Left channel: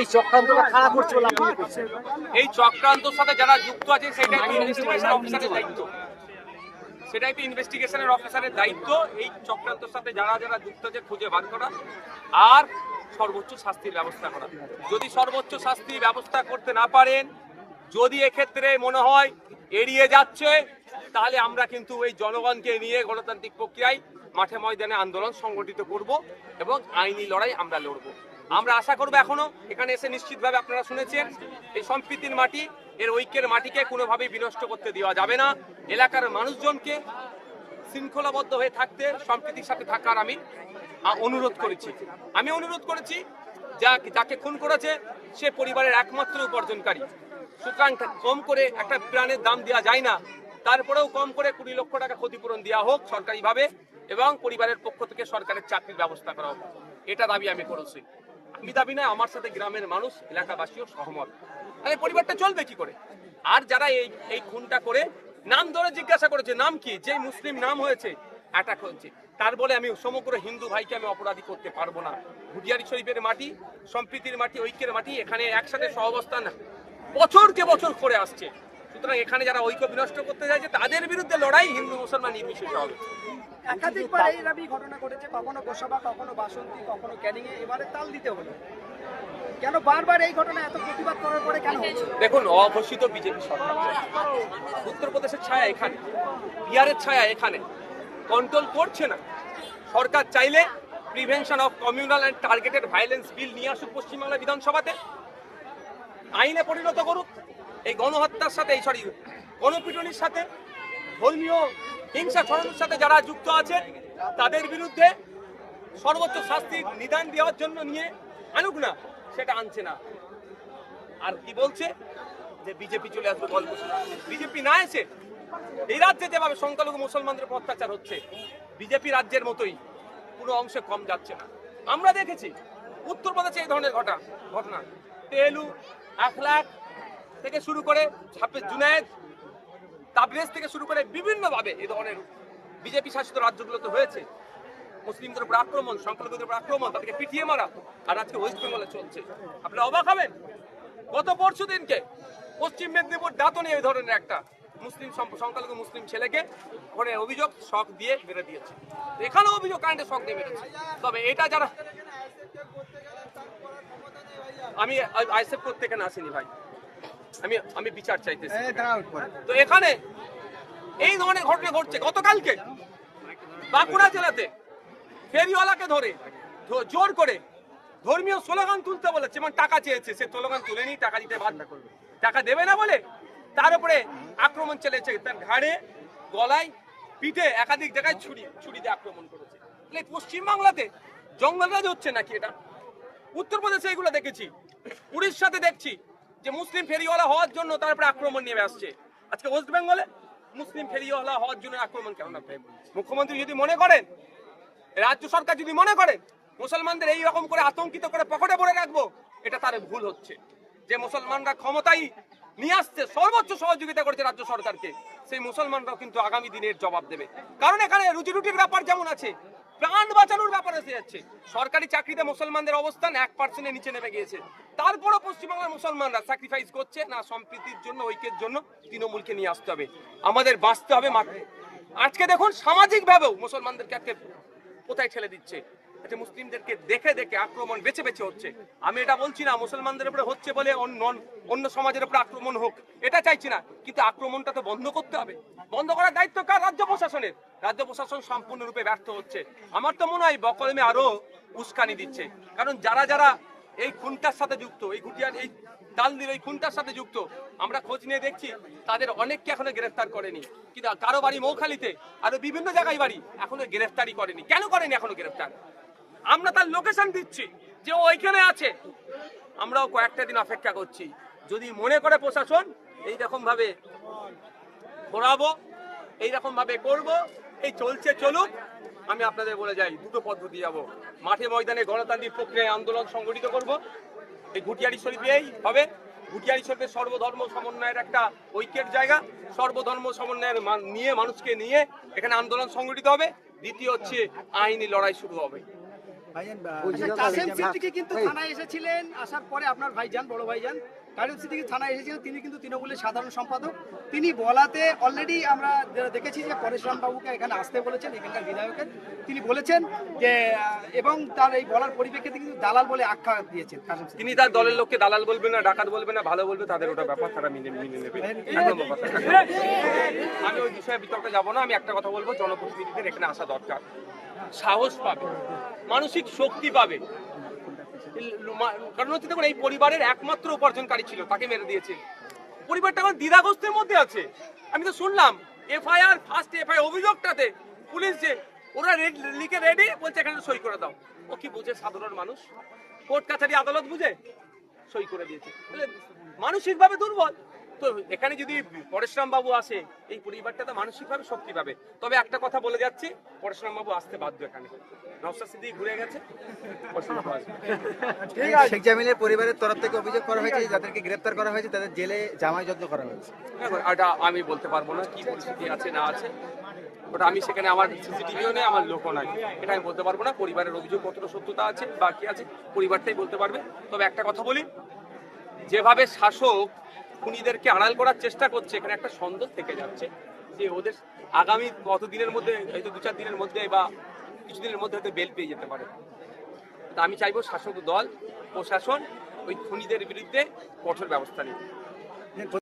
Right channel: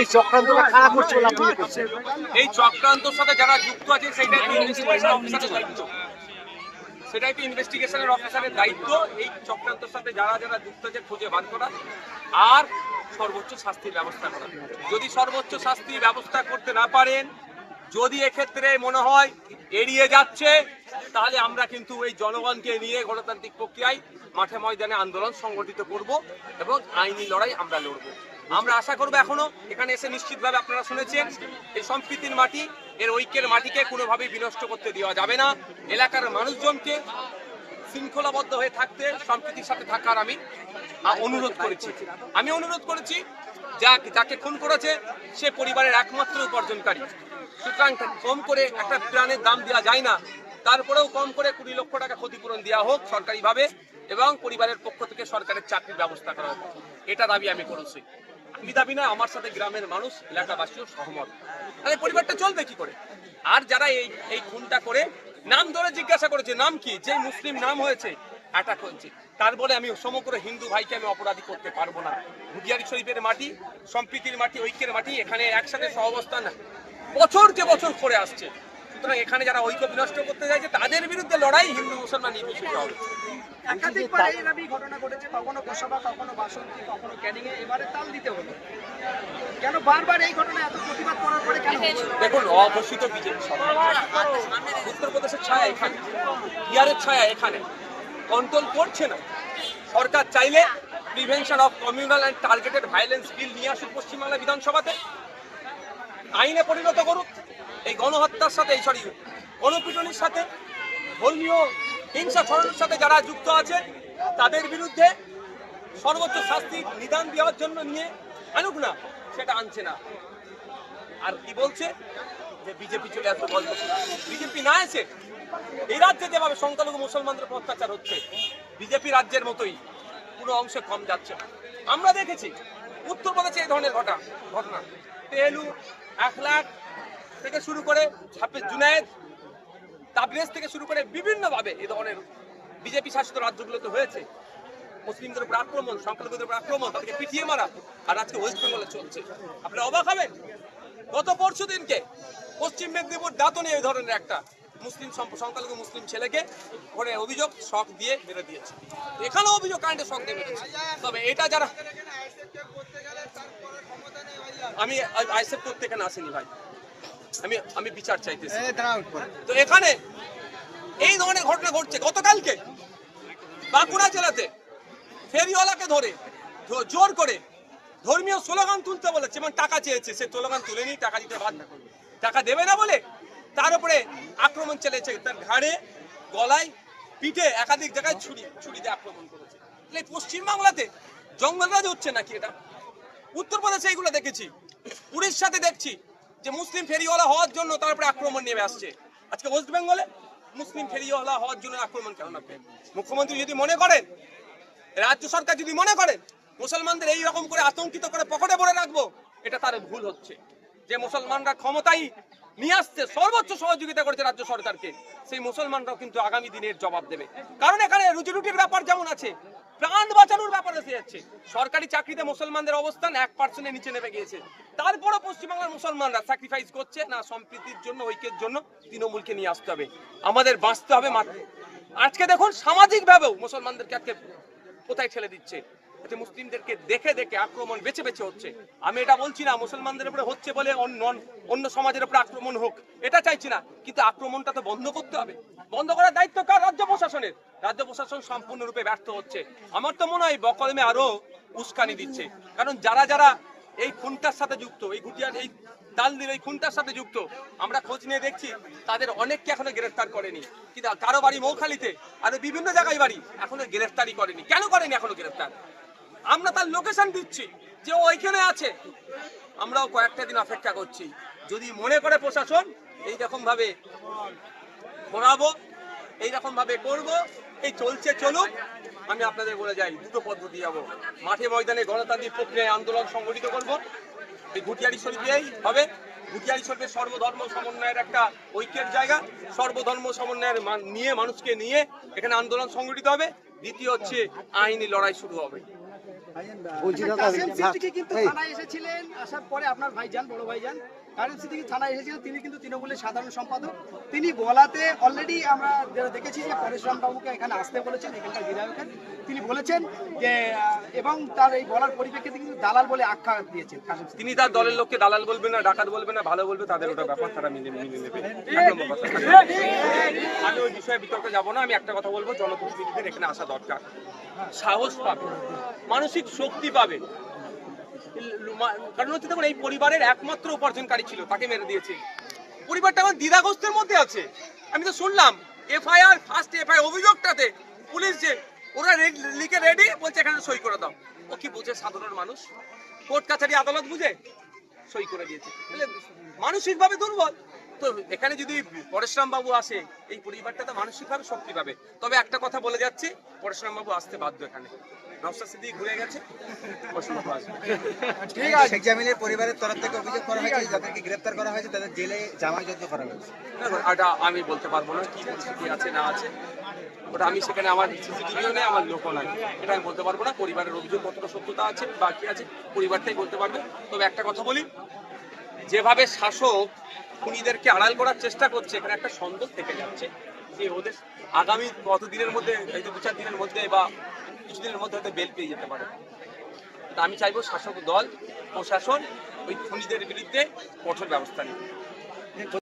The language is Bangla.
এই চক্রান্তটা খারাপ করছে বলে আপনি এই চক্রান্তর সাথে যারা যুক্ত আছে সেটাই সেটাই তো ইনভেস্টিগেশনের অফিসারের দায়িত্ব এই চক্রান্তর সাথে যারা যারা যুক্ত আছে খুঁজে বার করা আর সর্বোচ্চ শাস্তির ব্যবস্থা করা যদি সর্বোচ্চ শাস্তির ব্যবস্থা করতে না পারেন যদি এক্ষেত্রে মনে হয় এড়িয়ে যাচ্ছে তাহলে আমরা কিন্তু এই জনগণকে নিয়ে গণতান্ত্রিক প্রক্রিয়ায় মাঠে ময়দানে আন্দোলন সংগঠিত করব এবং আইনি লড়াই আমরা লড়বো আমরা আশা করবো এখনো এখানে এসে নিশ্চিতভাবে আপনারা শুনেছেন এই সম্প্রীতির মাটি এর ঐক্যের মাটিকে কোনোভাবেই বিনষ্ট করতে দেওয়া যাবে না এলাকার মানুষজনকে শৃঙ্খলাবদ্ধ হয়ে থাকতে সম্প্রীতির সাথে থাকার আমি অনুরোধ করেছি আমি অনুরোধ করেছি যা যাকে খুন করেছে সে পরিবারের একমাত্র উপার্জনকারী সুতরাং কম করে একটা প্রাণের দাম দেওয়া যায় না তারপরেও কম করে কুড়ি লক্ষ টাকা ক্ষতিপূরণ দেওয়া হোক সরকারিভাবে এবং পরিবারের পক্ষ থেকে সরকারের চাকরির ব্যবস্থা করা হোক এটা দাবি আমি করেছি আমি দাবি না আমার সাথে গ্রামের মানুষ এলাকাবাসীও সহমত পরিবারটা চলবে কি করে আর যারা এই এই খুনটা করে নাম ধরে জিজ্ঞাসা করেছে নাম কি যে মুসলিম নাম হয়েছে অ্যাটাক হয়েছে তার বলে আমি সমগ্র হিন্দু ভাইকে আমি অপরাধী করতে পারবো না ভুটিয়ারি শরীফের মাটি সম্প্রীতির মাটি ঐক্যের মাটি এখানে একসাথে সহবস্থান বছরকে বছর করে আসছে সুতরাং এখানে যারা ঐক্য বিনষ্ট করতে চাইছে তাদের বিরুদ্ধে লড়াই হিন্দু মুসলমান নির্বিশেষে হবে ঘটনা ঘটেছে কখনো গোসাবা কখনো বাসন্তী কখনো ক্যানিংয়ে এবারে তাল দিতে হলো দেখুন অঘোষিত বিজেপি সরকার উত্তরপ্রদেশের ছায়া এখানে বিহারের ছায়া এখানে কন্ট্রোল করছে না সরকার চাইলে prevention of communal and targeted violence bill নিয়ে আসুক পশ্চিমবাংলা বিধানসভাতে আইনে পরিণত করুক এই গণহত্যার সাথে এই সরি গণপিটনির সাথে ধর্মীয় হিংসা ছড়ানোর সাথে যারা যুক্ত আছে তাদের বিরুদ্ধে সর্বোচ্চ শাস্তির নিদান দেওয়ার জন্য নিয়ে আনুক না সেটা আনছে না আর কি বলছে যে বিজেপি চলে আসবে গল্প বিজেপি না এসে এই রাজ্যে যেভাবে সংখ্যালঘু মুসলমানদের অত্যাচার হচ্ছে বিজেপি রাজ্যের মতোই পুরো অংশে কম যাচ্ছে না আমরা দেখেছি উত্তরপ্রদেশে এই ধরনের ঘটনা ঘটনা তেলু এক লাখ থেকে শুরু করে ছাব্বিশ জুনায়েদ তাবরেজ থেকে শুরু করে বিভিন্নভাবে এই ধরনের বিজেপি শাসিত রাজ্যগুলোতে হয়েছে মুসলিমদের উপর আক্রমণ সংখ্যালঘুদের উপর আক্রমণ তাদেরকে পিটিয়ে মারা আর আজকে ওয়েস্ট বেঙ্গলে চলছে আপনারা অবাক হবেন গত পরশু দিনকে পশ্চিম মেদিনীপুর দাঁতনে এই ধরনের একটা মুসলিম সংখ্যালঘু মুসলিম ছেলেকে ওখানে অভিযোগ শখ দিয়ে মেরে দিয়েছে এখানেও অভিযোগ কারেন্টে শখ দিয়ে মেরেছে তবে এটা যারা আমি আইসেপ করতে এখানে আসিনি ভাই আমি আমি বিচার চাইতেছি তো এখানে এই ধরনের ঘটনা ঘটছে গতকালকে বাঁকুড়া জেলাতে ফেরিওয়ালাকে ধরে জোর করে ধর্মীয় স্লোগান তুলতে বলেছে টাকা চেয়েছে সে স্লোগান তুলে নি টাকা দিতে বাধ্য টাকা দেবে না বলে তার উপরে আক্রমণ চলেছে তার ঘাড়ে গলায় পিঠে একাধিক জায়গায় ছুরি ছুরি দিয়ে আক্রমণ করেছে পশ্চিমবাংলাতে জঙ্গলরাজ হচ্ছে নাকি এটা উত্তরপ্রদেশে এইগুলো দেখেছি উড়িষ্যাতে দেখছি যে মুসলিম ফেরিওয়ালা হওয়ার জন্য তারপরে আক্রমণ নেমে আসছে আজকে ওয়েস্ট বেঙ্গলে মুসলিম ফেরিওয়ালা হওয়ার জন্য আক্রমণ কেন নামবে মুখ্যমন্ত্রী যদি মনে করেন রাজ্য সরকার যদি মনে করেন মুসলমানদের এই রকম করে আতঙ্কিত করে পকেটে ভরে রাখবো এটা তার ভুল হচ্ছে যে মুসলমানরা ক্ষমতাই নিয়ে আসতে সর্বোচ্চ সহযোগিতা করেছে রাজ্য সরকারকে সেই মুসলমানরাও কিন্তু আগামী দিনের জবাব দেবে কারণ এখানে রুটি রুটির ব্যাপার যেমন আছে প্রাণ বাঁচানোর ব্যাপার এসে যাচ্ছে সরকারি চাকরিতে মুসলমানদের অবস্থান এক পার্সেন্টের নিচে নেমে গিয়েছে তারপরও পশ্চিমবাংলার মুসলমানরা স্যাক্রিফাইস করছে না সম্প্রীতির জন্য ঐক্যের জন্য তৃণমূলকে নিয়ে আসতে হবে আমাদের বাঁচতে হবে আজকে দেখুন সামাজিকভাবেও মুসলমানদেরকে আজকে কোথায় ঠেলে দিচ্ছে আচ্ছা মুসলিমদেরকে দেখে দেখে আক্রমণ বেছে বেছে হচ্ছে আমি এটা বলছি না মুসলমানদের উপরে হচ্ছে বলে অন্য সমাজের উপরে আক্রমণ হোক এটা চাইছি না কিন্তু আক্রমণটা তো বন্ধ করতে হবে বন্ধ করার দায়িত্ব কার রাজ্য প্রশাসনের রাজ্য প্রশাসন সম্পূর্ণরূপে ব্যর্থ হচ্ছে আমার তো মনে হয় বকলমে আরো উস্কানি দিচ্ছে কারণ যারা যারা এই খুনটার সাথে যুক্ত এই গুটিয়ার এই দিল এই খুনটার সাথে যুক্ত আমরা খোঁজ নিয়ে দেখছি তাদের অনেককে এখনো গ্রেফতার করেনি কিন্তু কারো বাড়ি মৌখালিতে আরো বিভিন্ন জায়গায় বাড়ি এখনো গ্রেফতারই করেনি কেন করেনি এখনো গ্রেফতার আমরা তার লোকেশন দিচ্ছি যে ওইখানে আছে আমরাও কয়েকটা দিন অপেক্ষা করছি যদি মনে করে প্রশাসন এই রকম ভাবে ঘোরাবো এইরকমভাবে ভাবে করব এই চলছে চলুক আমি আপনাদের বলে যাই দুটো পদ্ধতি যাবো মাঠে ময়দানে গণতান্ত্রিক প্রক্রিয়ায় আন্দোলন সংগঠিত করব এই ঘুটিয়ারি শরীফেই হবে ঘুটিয়ারি শরীফের সর্বধর্ম সমন্বয়ের একটা ঐক্যের জায়গা সর্বধর্ম সমন্বয়ের নিয়ে মানুষকে নিয়ে এখানে আন্দোলন সংগঠিত হবে দ্বিতীয় হচ্ছে আইনি লড়াই শুরু হবে আচ্ছা, কাসেম সিদ্দিকী কিন্তু থানায় এসেছিলেন আসার পরে আপনার ভাইজান বড় ভাইজান কারণ সিদ্দিকি থানায় এসেছিলেন তিনি কিন্তু তৃণমূলের সাধারণ সম্পাদক তিনি বলাতে অলরেডি আমরা দেখেছি যে পরেশরাম বাবুকে এখানে আসতে বলেছেন এখানকার বিধায়কের তিনি বলেছেন যে এবং তার এই বলার পরিপ্রেক্ষিতে কিন্তু দালাল বলে আখ্যা দিয়েছেন তিনি তার দলের লোককে দালাল বলবে না ডাকাত বলবে না ভালো বলবে তাদের ওটা ব্যাপার তারা মিলে মিলে নেবে আমি ওই বিষয়ে বিতর্কে যাবো না আমি একটা কথা বলবো জনপ্রতিনিধিদের এখানে আসা দরকার সাহস পাবে মানসিক শক্তি পাবে কারণ হচ্ছে দেখুন এই পরিবারের একমাত্র উপার্জনকারী ছিল তাকে মেরে দিয়েছে পরিবারটা এখন দ্বিধাগ্রস্তের মধ্যে আছে আমি তো শুনলাম এফআইআর ফার্স্ট এফআই অভিযোগটাতে পুলিশ যে ওরা লিখে রেডি বলছে এখানে সই করে দাও ও কি বুঝে সাধারণ মানুষ কোর্ট কাছারি আদালত বুঝে সই করে দিয়েছে তাহলে মানসিকভাবে দুর্বল তো এখানে যদি পরেশরাম বাবু আসে এই পরিবারটা তো মানসিকভাবে শক্তি পাবে তবে একটা কথা বলে যাচ্ছি পরেশরাম বাবু আসতে বাধ্য এখানে আমি বলতে পারবো না কি পরিস্থিতি আছে না আছে ওটা আমি সেখানে আমার সিসিটিভিও নেই আমার লোকও নাই এটা আমি বলতে পারবো না পরিবারের অভিযোগ কতটা সত্যতা আছে বাকি আছে পরিবারটাই বলতে পারবে তবে একটা কথা বলি যেভাবে শাসক খুনিদেরকে আড়াল করার চেষ্টা করছে এখানে একটা সন্দেহ থেকে যাচ্ছে যে ওদের আগামী কতদিনের মধ্যে দু চার দিনের মধ্যে বা কিছুদিনের মধ্যে হয়তো বেল পেয়ে যেতে পারে তা আমি চাইবো শাসক দল প্রশাসন ওই খুনিদের বিরুদ্ধে কঠোর ব্যবস্থা নিতে